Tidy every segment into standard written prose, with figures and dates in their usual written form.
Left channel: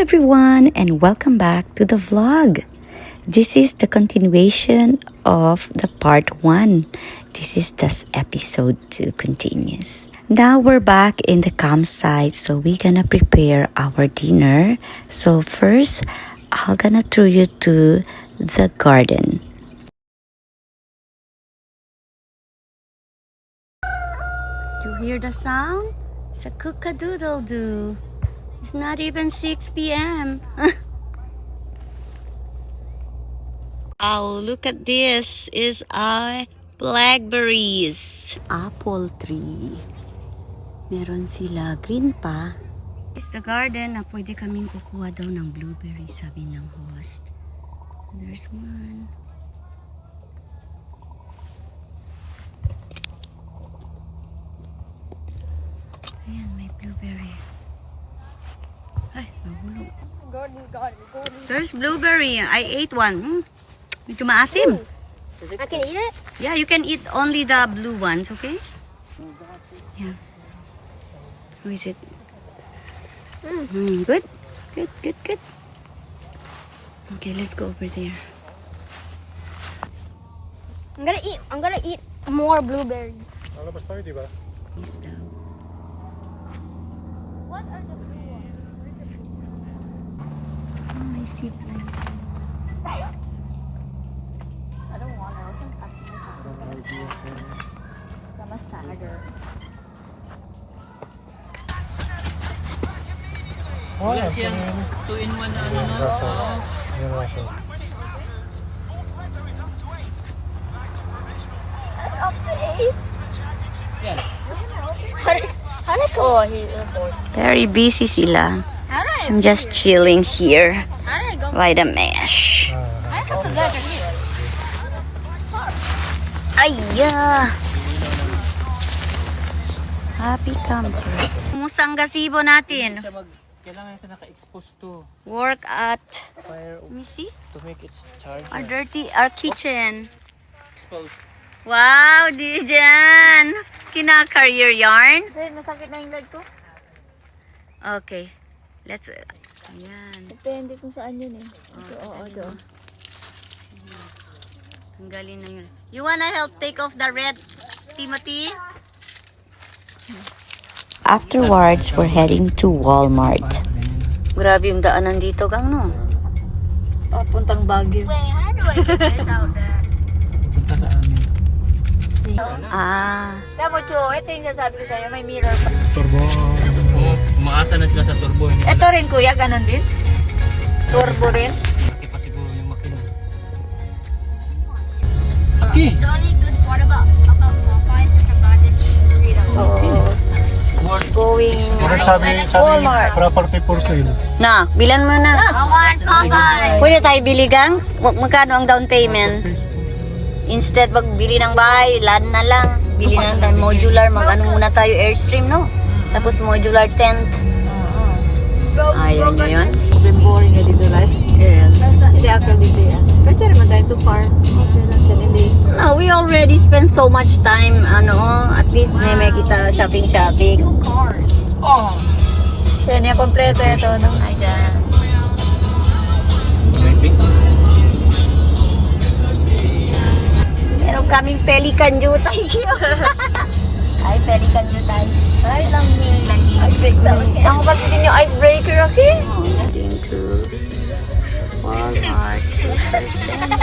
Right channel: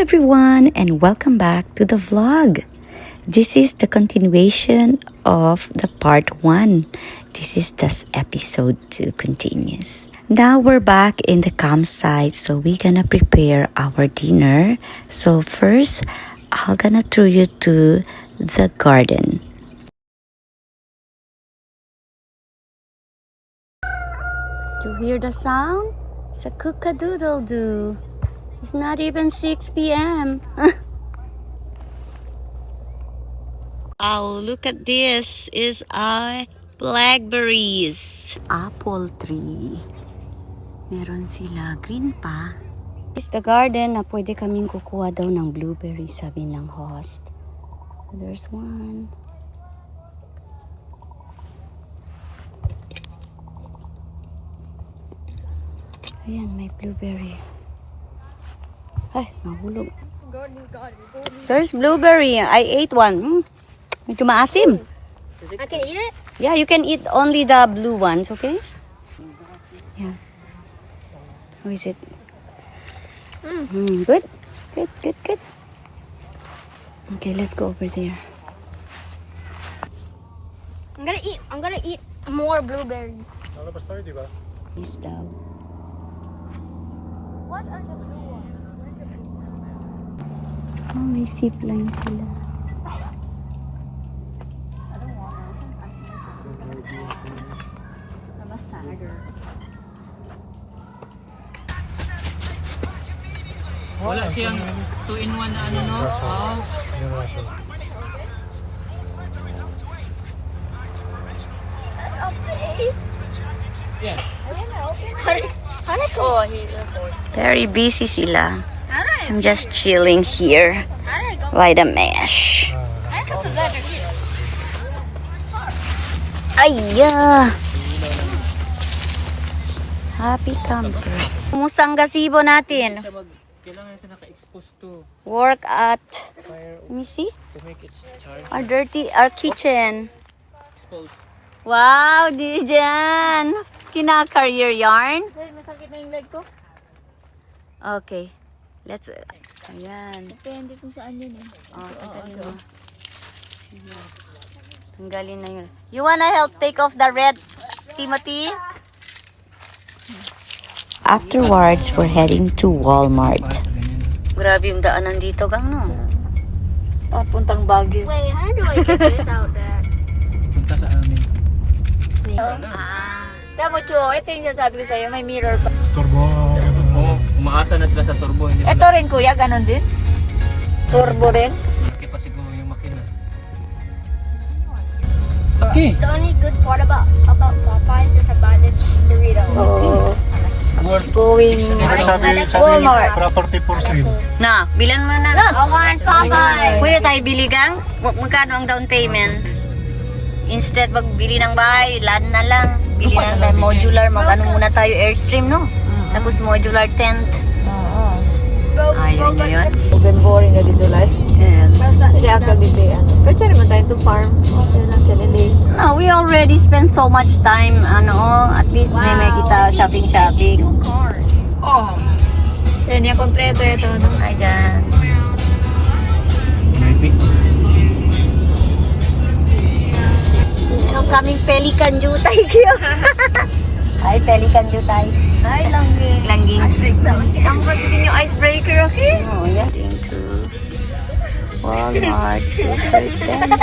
everyone and welcome back to the vlog. This is the continuation of the part 1. This is just episode 2 continues. Now we're back in the campsite, so we're gonna prepare our dinner. So first, I'm gonna throw you to the garden. You hear the sound? It's a cook-a-doodle-doo. It's not even 6 p.m. Oh, look at this. Is blackberries. Apple tree. Meron sila green pa. It's the garden na pwede kaming kukuha daw ng blueberries, sabi ng host. There's one. Ayan, may blueberry. Ay, nahulog. There's blueberry. I ate one. Ito maasim. I can eat it? Yeah, you can eat only the blue ones, okay? Yeah. How is it? Good? Good. Okay, let's go over there. I'm gonna eat more blueberries. This down. What are the blue ones? Where's the blue ones? Oh, may seed lang sila. I don't want to. I'm a sagger. Wala siyang 2-in-1 na ano, no? Oh. Up to 8. Yan. Oh, Very busy sila. how do I'm just chilling here I go? by the mesh. I have to go to eat. Ayya! Happy campers. Kumusta ang gazebo natin? Kailangan natin naka-expose to Work at, fire let me see, to make it charge. our kitchen. Exposed. Wow, Dijan! Kina-career yarn? Masakit na yung leg ko. Okay. Let's, ayan. Depende kung saan yun eh. Ito. Tanggalin na yun. You wanna help take off the red, Timothy? Afterwards, we're heading to Walmart. Grabe yung daanan dito, gang, no? Puntang Baguio. Wait, how do I get this out there? Punta sa amin. Ah. Tama, Cho, ito yung sasabi ko sa'yo, may mirror. Turbo. Oo, umaasa na sila sa turbo. Ito rin, kuya, kanan din? Turbo rin? Malaki pa siguro yung makina. Okay. The only good part about Popeyes is about this burrito. Going. Sabi, property for sale. Na, bilan mo na. I want Popeyes! Pwede tayo bili, gang? Magkano ang down payment? Instead, magbili ng bahay, land na lang. Bili ng modular, mag-ano muna tayo, Airstream, no? Tapos modular tent. Ayaw niyo yun? Then boring na dito life. Yes. Hindi akal dito yan. Pero tsari man tayo to farm. Okay lang siya nila. No, we already spent so much time, at least may kita shopping. cars. Oh. Siya niya kompleto ito. No? Ayan. Maybe. Meron kaming pelican jutay kayo. Ay, pelican jutay. Ay, langging. Icebreaker. Ang kasi din yung icebreaker, okay? Oh, heading to Walmart Supercenter.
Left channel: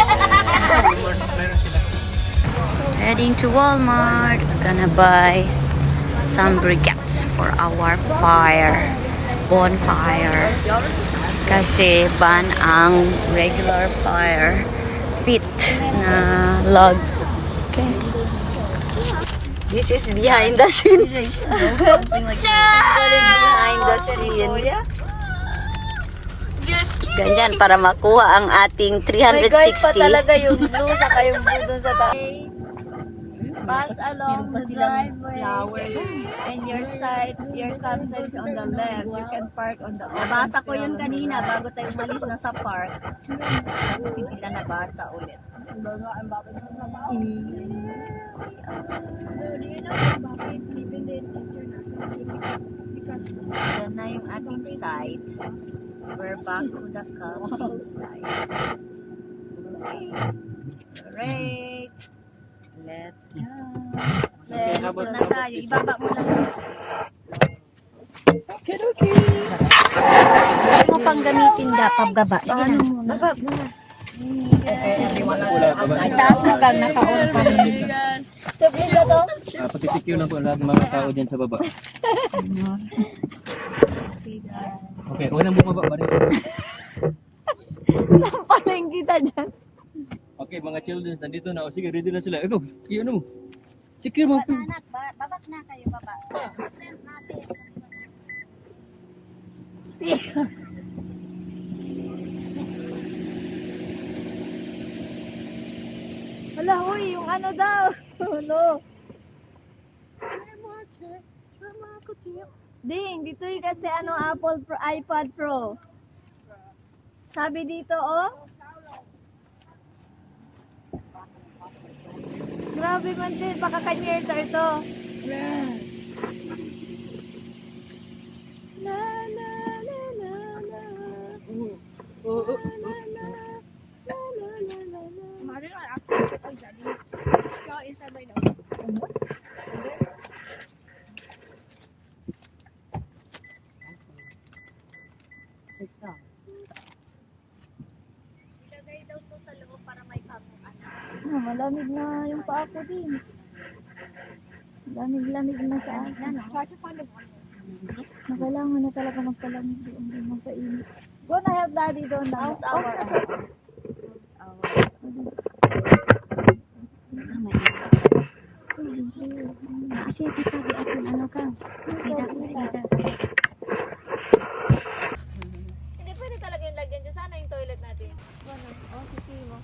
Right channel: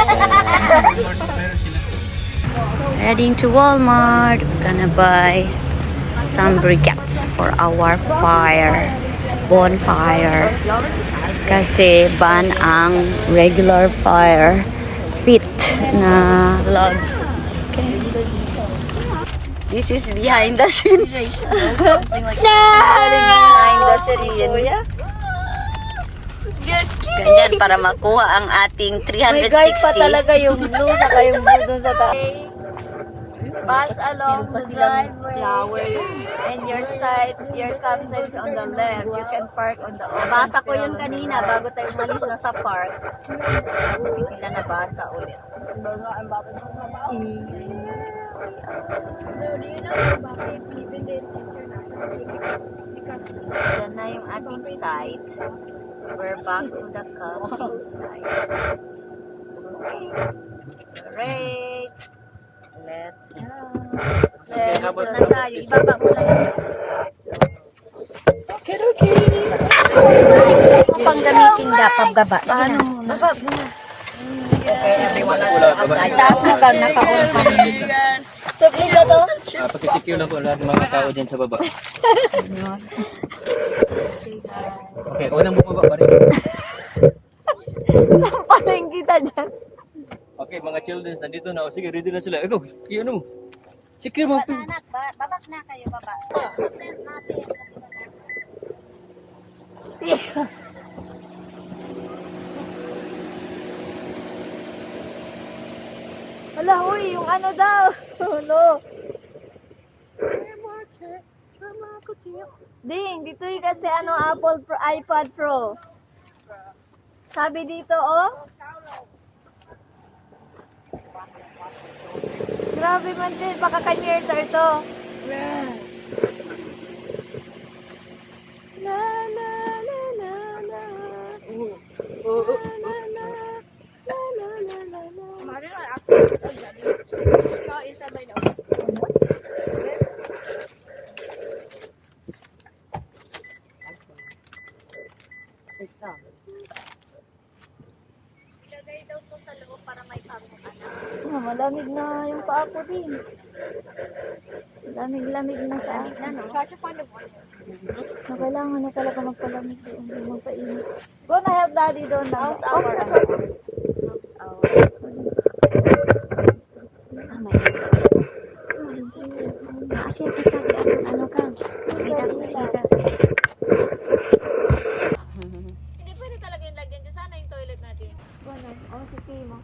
Heading to Walmart. We're gonna buy some briquettes for our bonfire. Kasi ban ang regular fire pit na log. Okay. This is behind the scene. Behind the scene. Ganyan para makuha ang ating 360. Talaga yung blue saka yung blue dun sa taas. Pass along the driveway and your campsite is on the left. You can park on the open. Nabasa ko yun kanina bago tayo umalis na sa park. Kasi kita nabasa ulit. Yan na yung ating site. We're back to the campsite. Great! Let's go. Let's go na tayo. Ibaba mo na. Okay, okay. Ano mo pang gamitin dapat baba? Paano mo na? Baba mo na. Okay, everyone Outside. Taas mo bag naka-on pa rin. Sabi na to? Pakisecure lang po lahat ng mga tao dyan sa baba. Okay, unang bumaba pa rin. Paling kita dyan. Okay, mga children, nandito na. O sige, ready na sila. Ikaw, iyon mo. Secure mo. Anak, babak na kayo, baba. Tent natin. Wala, huy, yung ano daw. Ano? Ding, dito yung kasi ano, Apple Pro, iPad Pro. Sabi dito, oh. Grabe man din, baka ka-year to. La la la la la. La la la. La la la la la. Mari na ako sa gani. Ikaw isa ba na? Ilagay daw to sa loob para may panguan. Malamig na yung paa ko din. Lamig-lamig na sa akin. Try to find a one. Na kailangan na talaga magpalamig doon, hindi magpainit. Go na help daddy doon na. House hour. House hour. Asya kita di ako ano ka. Hindi pwede kalagay lagyan dyan. Sana yung toilet natin. Ano? Ang siki mo.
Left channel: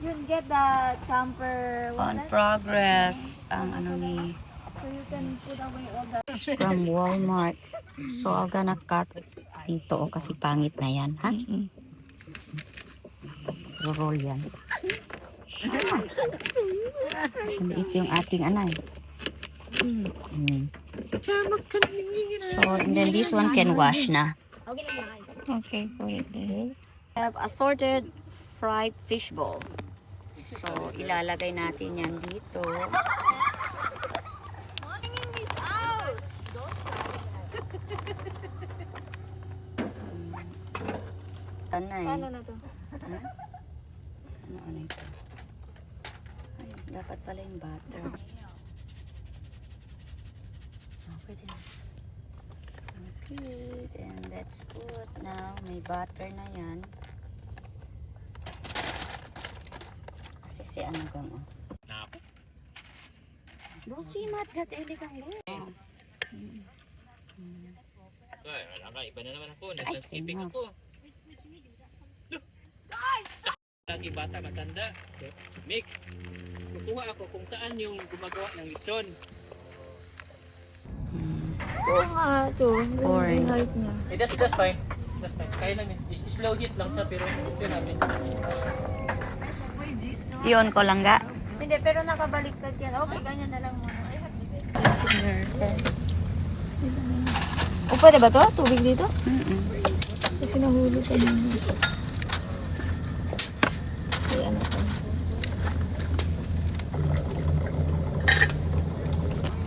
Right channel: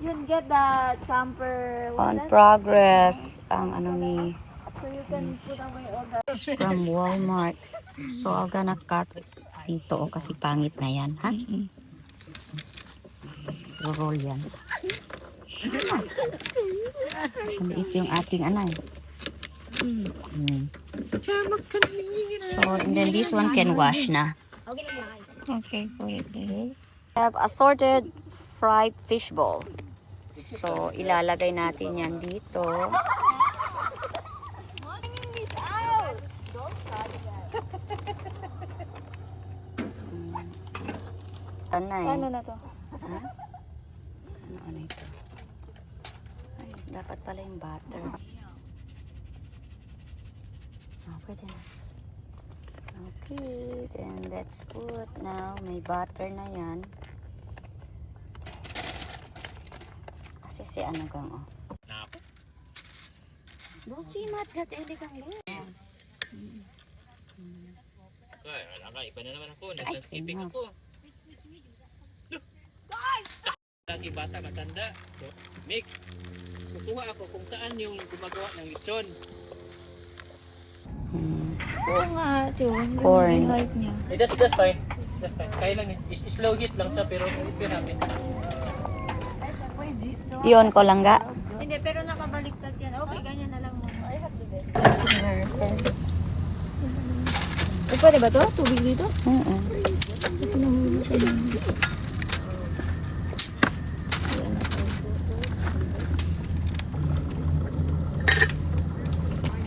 Yun, get the camper. On progress ang ano ni So you can put away all the... from Walmart. So I'm gonna cut dito kasi pangit na yan, ha? Roll yan. Maliit yung ating anay. So, and then this one can wash na. Okay lang lang. Okay, put it there. Have assorted fried fish ball. So, ilalagay natin yan dito. Anay. Ano na to? Ha? Ano ito? Ay, dapat pala yung butter. Pwede na. Okay, then let's put now, may butter na yan. Kasi si ano gang, oh. Don't see mat gat ele kang le. Ay, wala ka. Iba na naman ako. Ay, Nagsaskiping sino? ako. Lagi bata, matanda. So, Mick, kukuha ako kung saan yung gumagawa ng lechon. Oo nga, Chong. Corn. Yung height niya. Eh, that's fine. That's fine. Kaya lang yun. Slow heat lang siya, pero okay natin. Iyon ko lang ga. Hindi, pero nakabaliktad yan. Okay, ganyan na lang muna. Pwede ba to? Tubig dito? Kasi nahulog ko yun.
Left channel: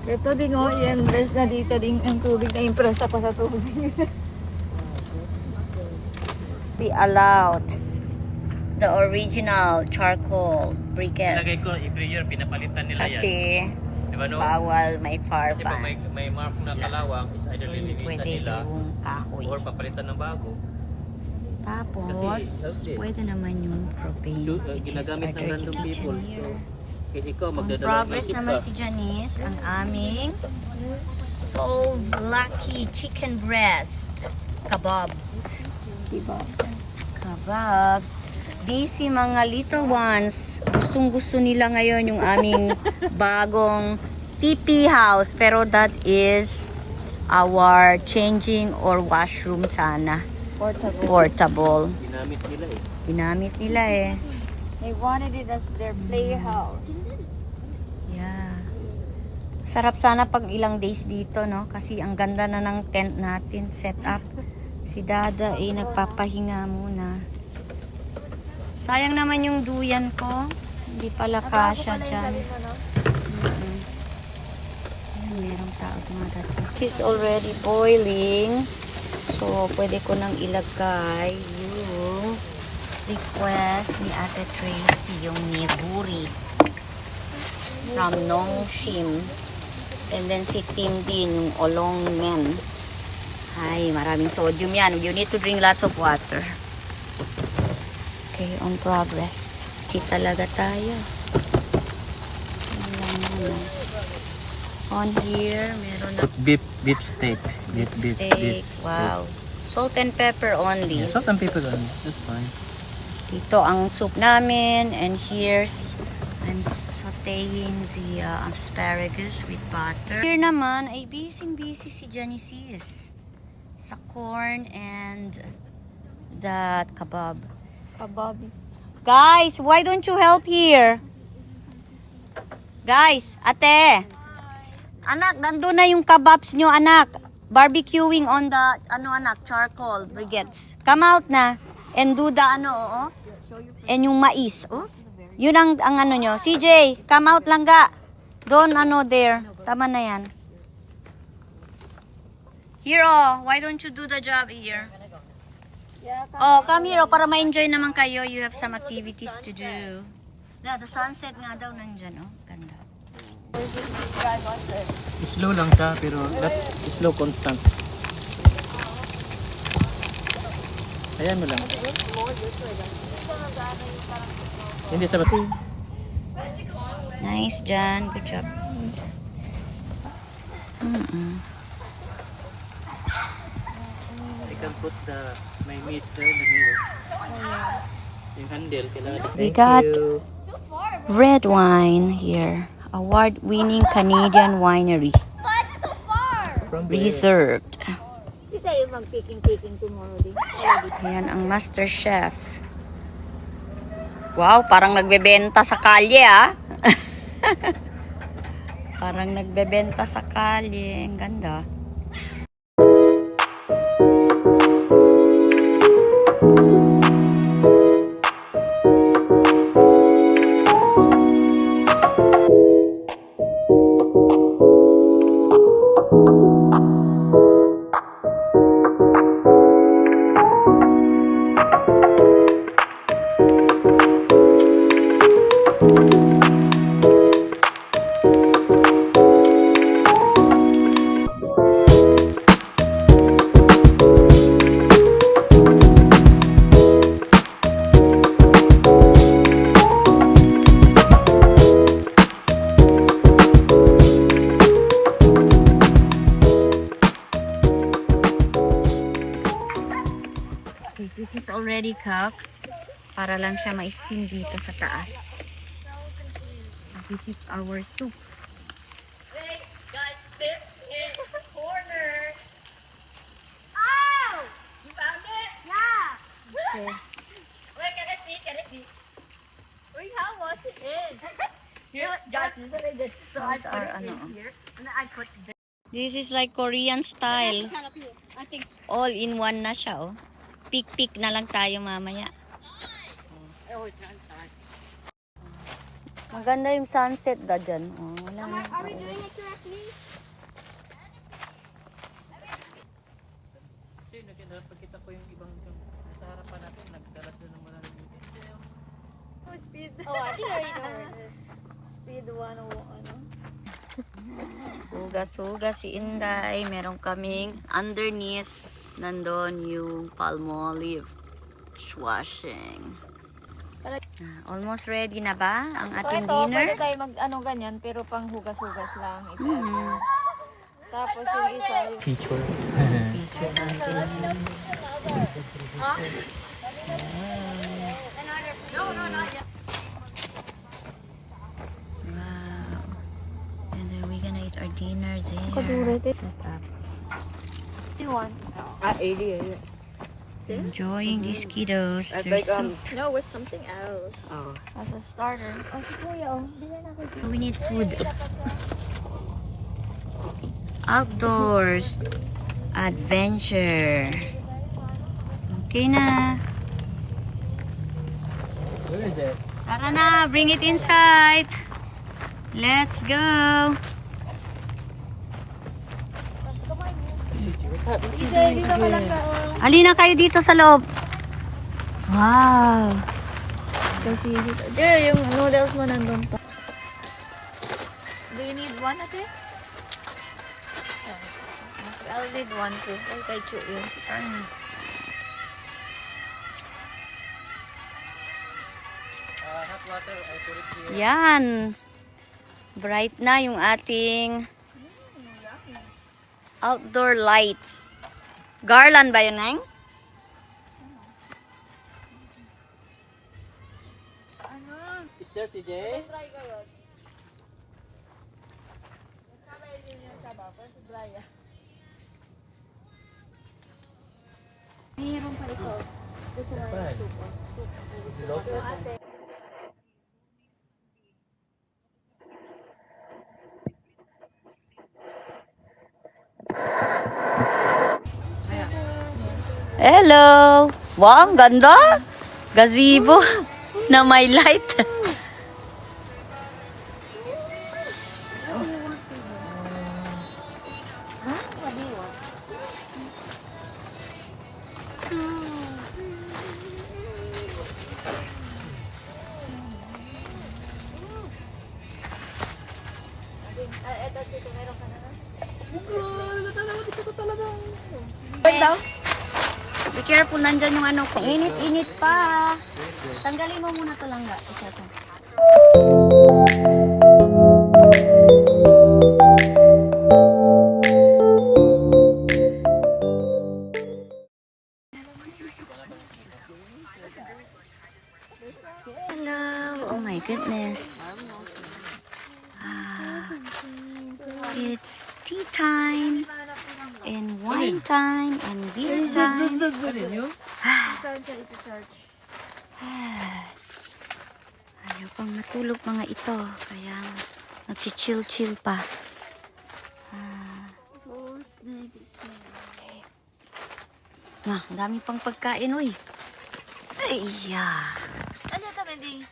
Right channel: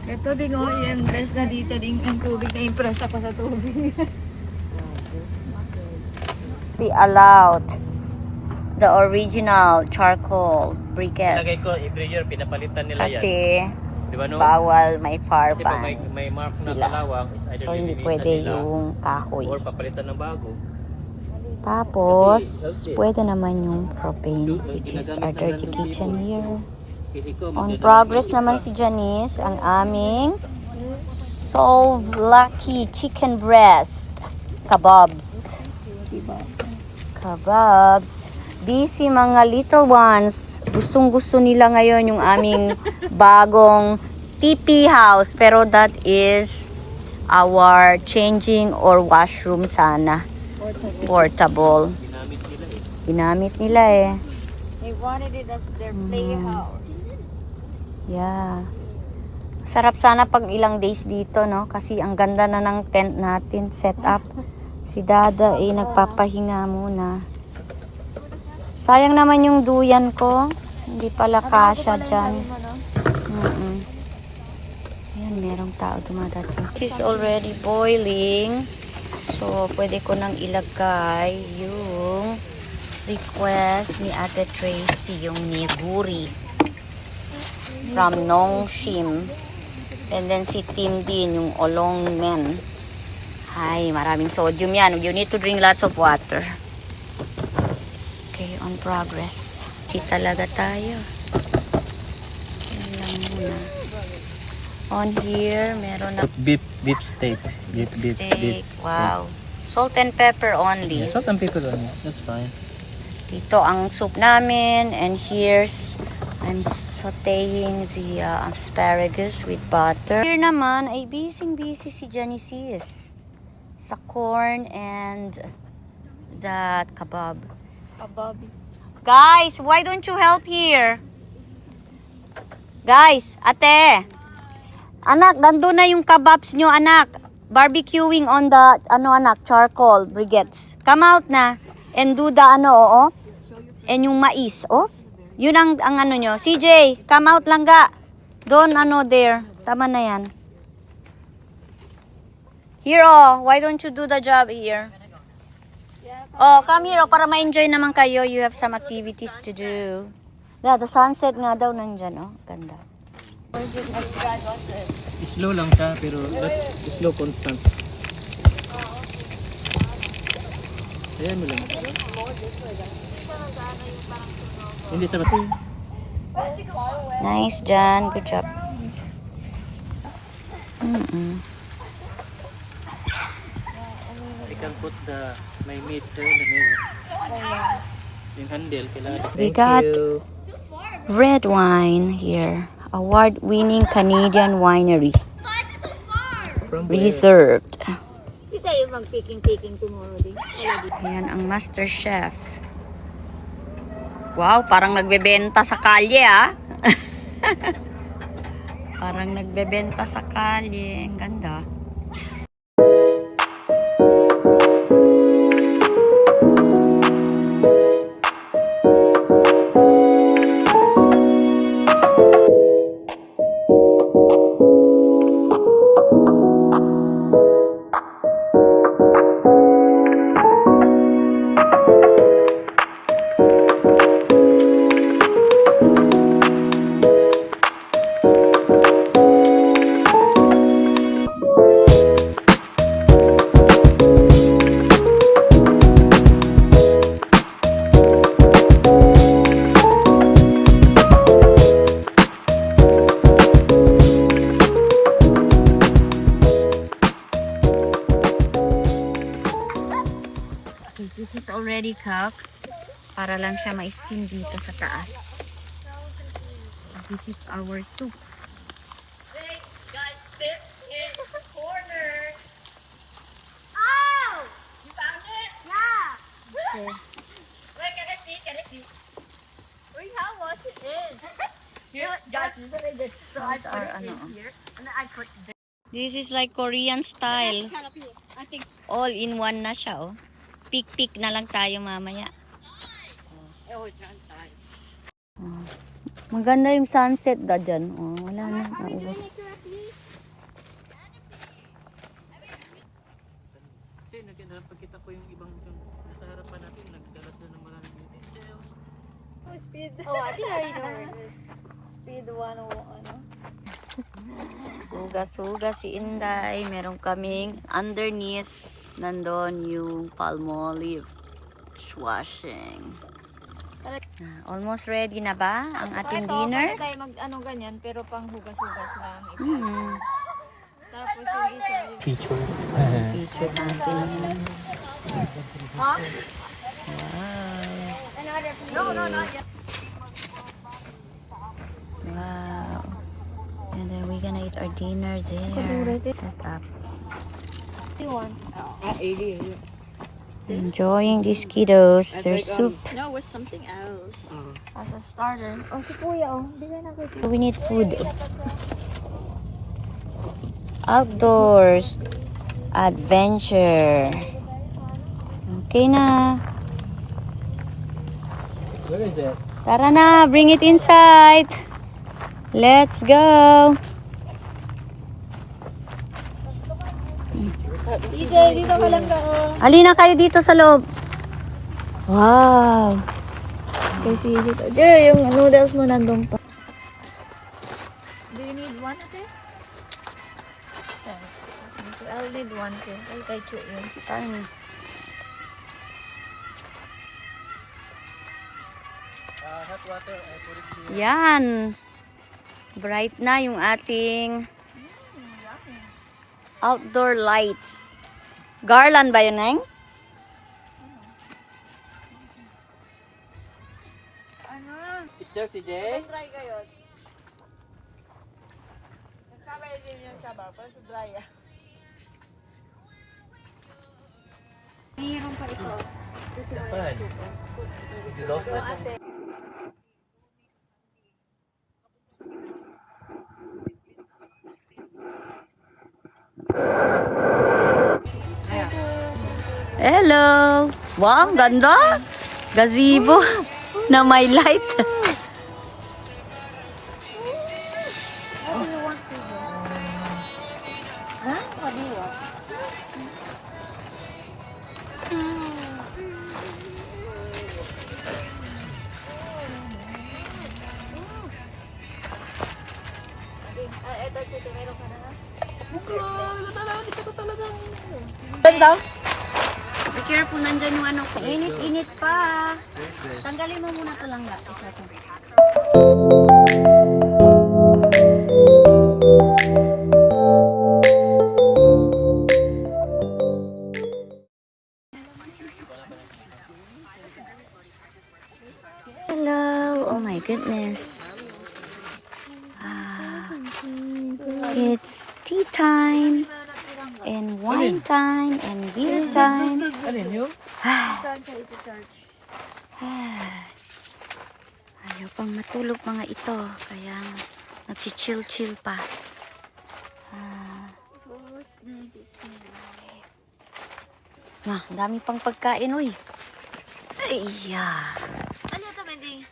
Ito din oh, i-empress na dito din ang tubig na impress pa sa tubig. Be allowed the original charcoal Lagay briquettes. ko, every year, pinapalitan nila yan. Kasi Di ba, no? bawal may Kasi pag farban. may mark na sila. kalawang, So hindi pwede yung kahoy. or papalitan ng bago. Tapos, pwede naman yung propane, Do- which is ginagamit our ng dirty random kitchen people. here. Kasi ikaw, On magdadala progress ng naman gift si Janice, ang aming Solve Lucky Chicken Breast Kebabs. Kebabs. Busy mga little ones. Gustong-gusto nila ngayon yung aming bagong TP house. Pero that is our changing or washroom sana. Portable. Ginamit nila eh. Ginamit nila eh. They wanted it as their playhouse. Yeah. Sarap sana pag ilang days dito, no? Kasi ang ganda na ng tent natin, set up. Si Dada ay nagpapahinga muna. Sayang naman yung duyan ko. Hindi pala kasya dyan. Ayan, merong tao dumadating. It's already boiling. So, pwede ko nang ilagay yung request ni Ate Tracy, yung niguri from Nongshim. And then si Tim din, yung olong men. Ay, maraming sodium yan. You need to drink lots of water. Okay, on progress. Si talaga tayo. Yan lang muna. On here, meron na Beef steak. steak. Wow. Salt and pepper only. Yeah, salt and pepper only. That's fine. Ito ang soup namin. And here's, I'm sauteing the asparagus with butter. Here naman, ay busy si Janice sa corn and that kebab. Guys, why don't you help here? Guys, ate. Anak, nandun na yung kebabs nyo, anak. Barbecuing on the, anak, charcoal briquettes. Come out na. And do the, oo. And yung mais, oh. Yun ang ano nyo. CJ, come out lang ga. Doon, there. Tama na yan. Here, why don't you do the job here? Come here, para ma-enjoy naman kayo. You have some activities to do. The sunset nga daw nandyan, Ganda. Slow lang siya, pero slow constant. Ayan mo lang. Hindi sa bati. Nice, Jan. Good job. You can put my meat there. Yung handle. We got red wine here. Award-winning Canadian winery. From where? Reserved. Hindi tayo mag-picking tomorrow din. Ayan ang master chef. Wow, parang nagbebenta sa kalye, Parang nagbebenta sa kalye. Ang ganda. This is already cooked. Para lang siya ma-steam dito sa taas. This is our soup. Hey, guys, sit in the corner. Oh! You found it? Yeah. Okay. Wait, can I see? Wait, how was it in? Here, guys, this is what I did. So I Those put are, it in here, and then I put this. This is like Korean style. I think All in one na siya, Pick na lang tayo mamaya. oh, it's outside. Maganda yung sunset da dyan. Wala na. Kasi nakita ko yung ibang nasa harapan natin, nagdala sila ng maraming utensils. Speed. Oh, I think I already know where it is. Speed 101. Suga-suga si Inday. Meron kaming underneath. Nandun yung Palmolive dishwashing. Almost ready na ba ang ating dinner? Pwede tayo ganyan, pero pang hugas-hugas lang. Tapos yung isa, Picture. Picture natin. Wow. And then we're gonna eat our dinner there. Set up. Enjoying these kiddos. Their soup. no, with something else. As a starter. Oh, si Kuya, bigyan ako. We need food. Outdoors. Adventure. Okay na. Where is it? Tara na, bring it inside. Let's go. Dito, dito ka lang karo. Alina kayo dito sa loob. Wow. Kasi dito. Diyo, yung noodles mo nandun pa. Do you need one ate? Okay, I'll need one too. Kay Chu yun. Hot water, I put it here. Yan. Bright na yung ating outdoor lights. Garland ba yun, Neng? Ano? Is there si Jay? Try kayo. Nagsabay din yung sabaw. Pero sa dry ah. Mayroon pa ito. Gusto mo Fine. yung soup. You lost it? Ate. Hello! Wow, ang ganda! Gazebo na may light. Eto, dito, meron ka na ha? Be careful, nandyan yung ano. Init-init pa. Tanggalin mo muna ito lang. Isasan. Hello. Oh my goodness. It's tea time. And wine time. And beer time. Alin yun? Ayaw pang matulog mga ito. Kaya nag-chill-chill pa. Ma, dami pang pagkain, uy. Ayya. Ano ito, Bendy?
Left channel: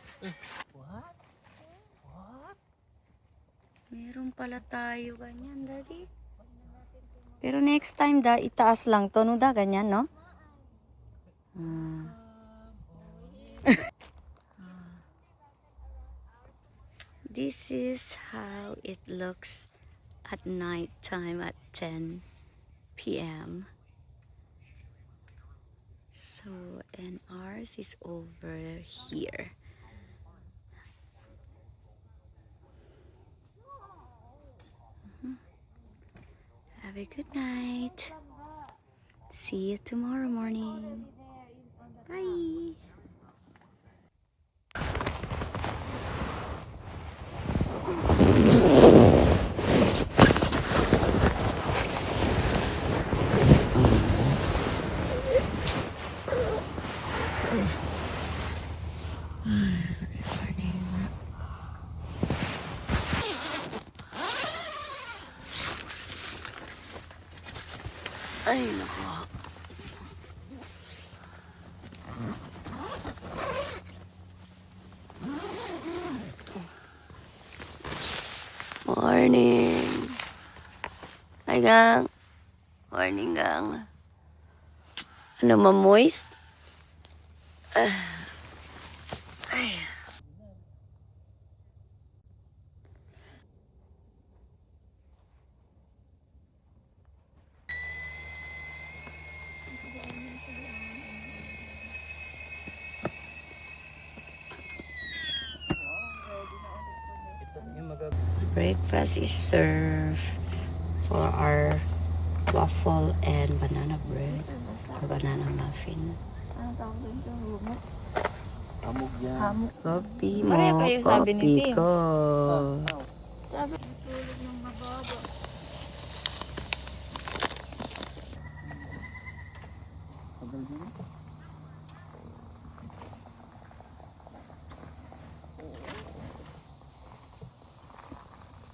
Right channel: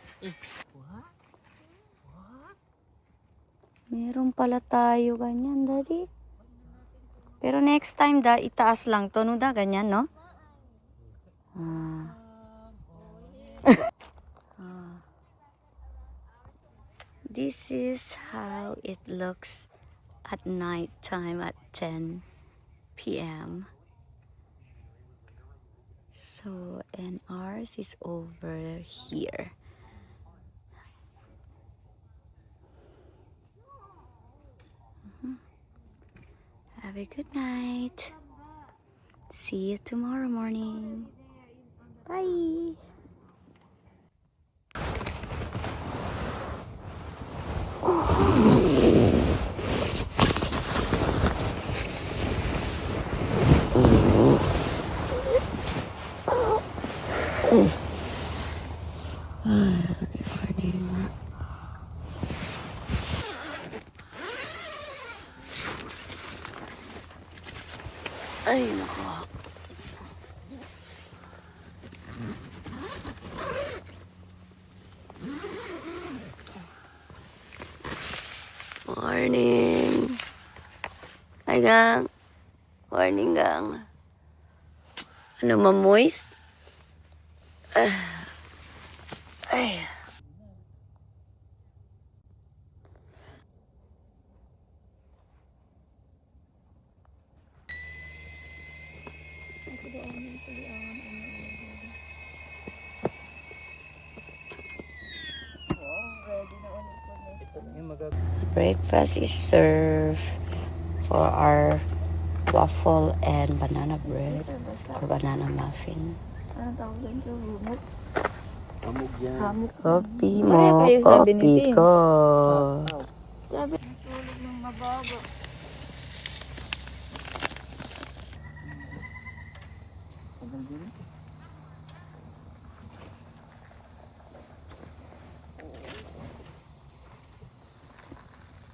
Meron pala tayo ganyan, daddy. Pero next time, da, itaas lang to, no, da, ganyan, no? This is how it looks at night time at 10 p.m. So, and ours is over here. Have a good night. See you tomorrow morning. Bye. Ay, nako. Morning. Ay, gang. Morning, gang. Ano, ma-moist? Ay. Breakfast is served for our waffle and banana bread or banana muffin. Coffee mo, coffee ko.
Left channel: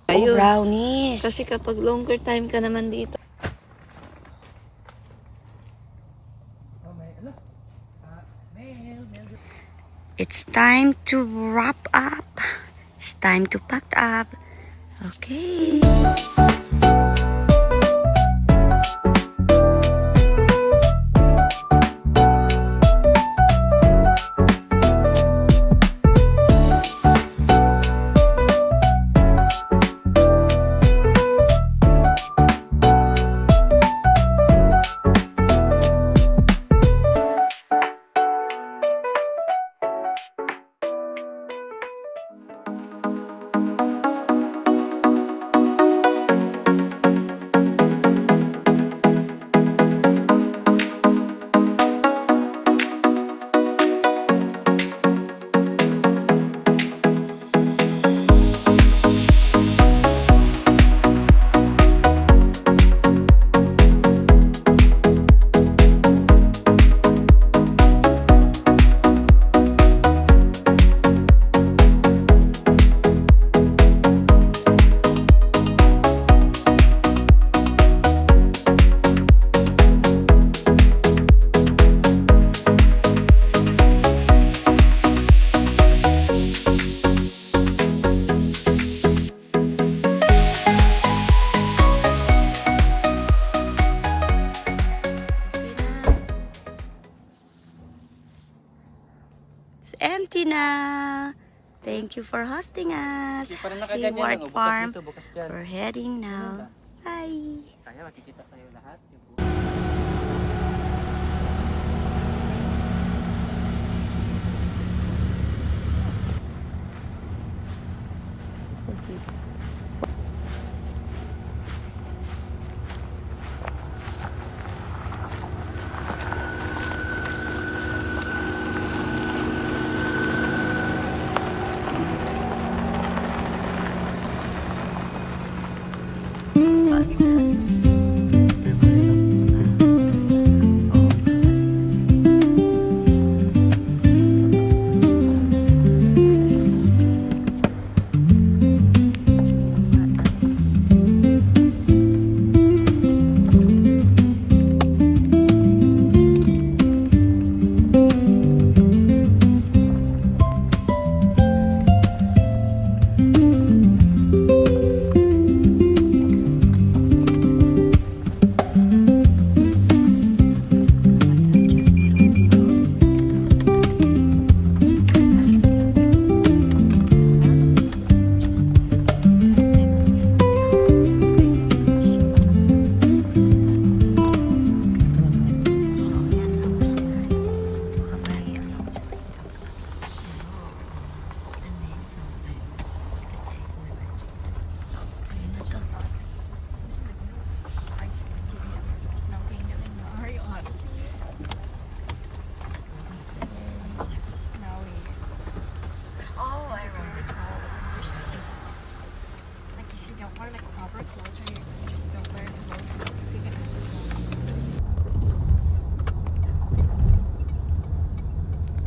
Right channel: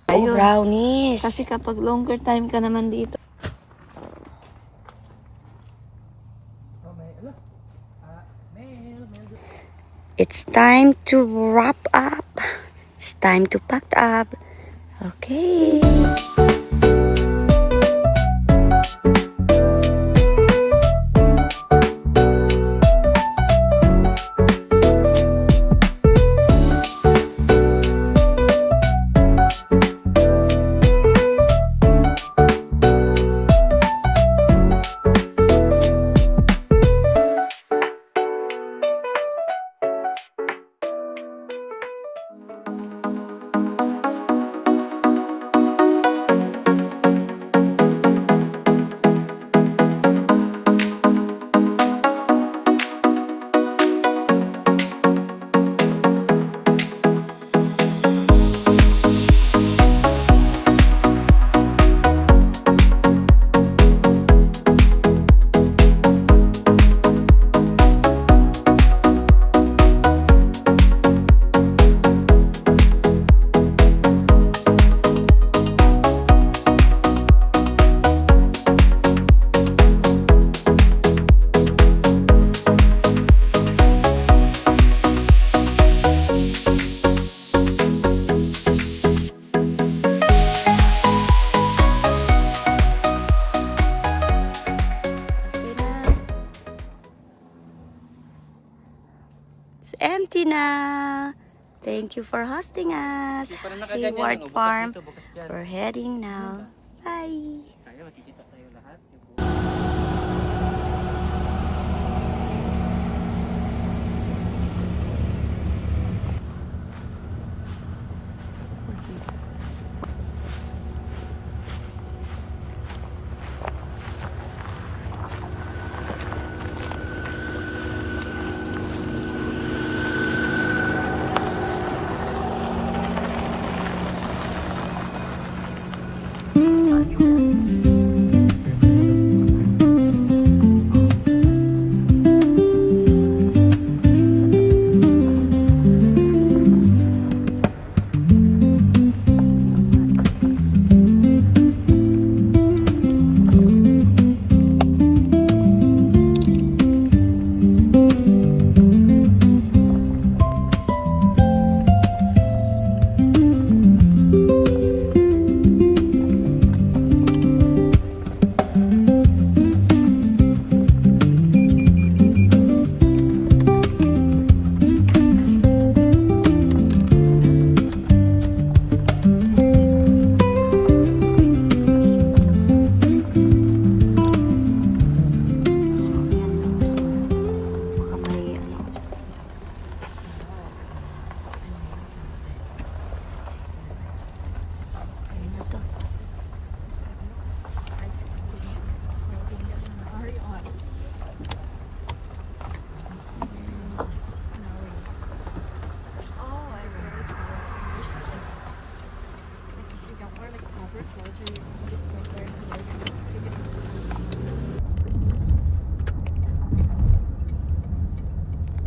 Oh, brownies. Kasi kapag longer time ka naman dito. Oh, may, ano? It's time to wrap up. It's time to pack up. Okay. It's empty na. Thank you for hosting us. Hayward Farm. We're heading now. Bye. Sana makikita tayo lahat.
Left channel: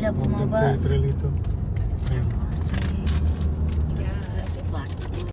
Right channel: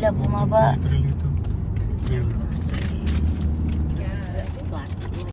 Sila bumaba. Literally ito. Yun.